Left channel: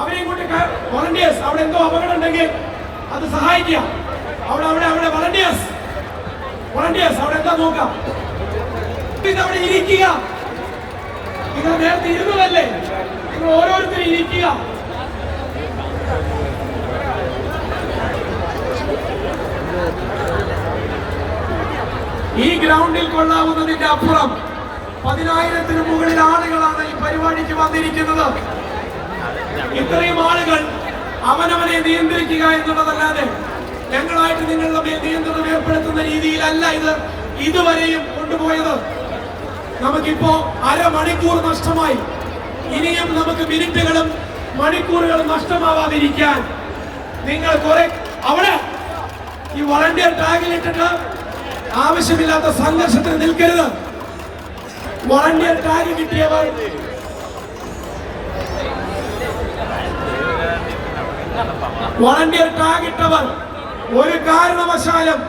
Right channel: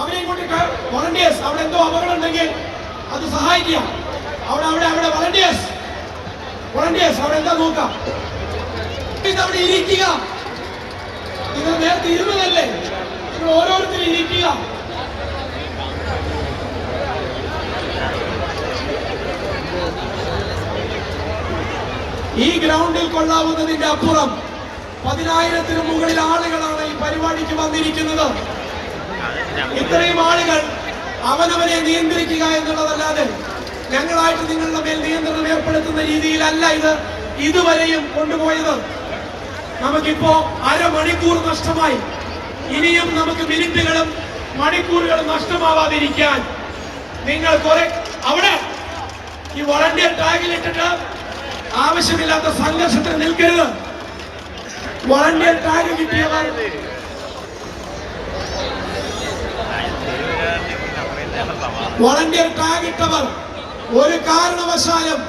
അവരെയും കൂട്ടി വോളണ്ടിയേഴ്സ് അവിടെ എന്തോ അപകടം ഉണ്ടെങ്കിൽ അത് സഹായിക്കാം. അവിടെ അവിടെ അവിടെ വോളണ്ടിയേഴ്സ് വോളണ്ടിയേഴ്സ് അവിടെ എന്താ നോക്കാം? അവിടെ ഇരിക്കുക. നിങ്ങൾ നേരത്തെ ഇരുന്നതല്ലേ? നിങ്ങൾ ഓരോരുത്തരും ഇരിക്കുക. ഈ ഗ്രൗണ്ടിൽ കൊള്ളാവുന്നതിന്റെ അപ്പുറം പതിനായിരത്തിന് മുകളിൽ ആളുകളാണ് ഈ പരിപാടിക്ക് വന്നിരിക്കുന്നത്. ഇത്രയും ആളുകൾ അവനവനെ നിയന്ത്രിക്കുക എന്നുള്ളതല്ലാതെ ഞങ്ങളായിട്ട് നിങ്ങളുടെ മേൽ നിയന്ത്രണം ഏർപ്പെടുത്തുന്ന രീതിയിലല്ല ഇത് ഇതുവരെയും കൊണ്ടുപോയത്. നമുക്കിപ്പോ അരമണിക്കൂർ നഷ്ടമായി. ഇനിയും നമുക്ക് മിനിറ്റുകളും മണിക്കൂറുകളും നഷ്ടമാവാതിരിക്കാൻ നിങ്ങൾ കുറെ അവിടെ ഈ വളണ്ടിയർ ടാഗിലിട്ടിട്ട് ആവശ്യമില്ലാത്ത സംഘർഷത്തിന് നിൽക്കരുത്. വളണ്ടിയർ ടാഗ് കിട്ടിയവർ വളണ്ടിയർ ടാഗ് ഇട്ടവർ ഒരു കാരണവശാലും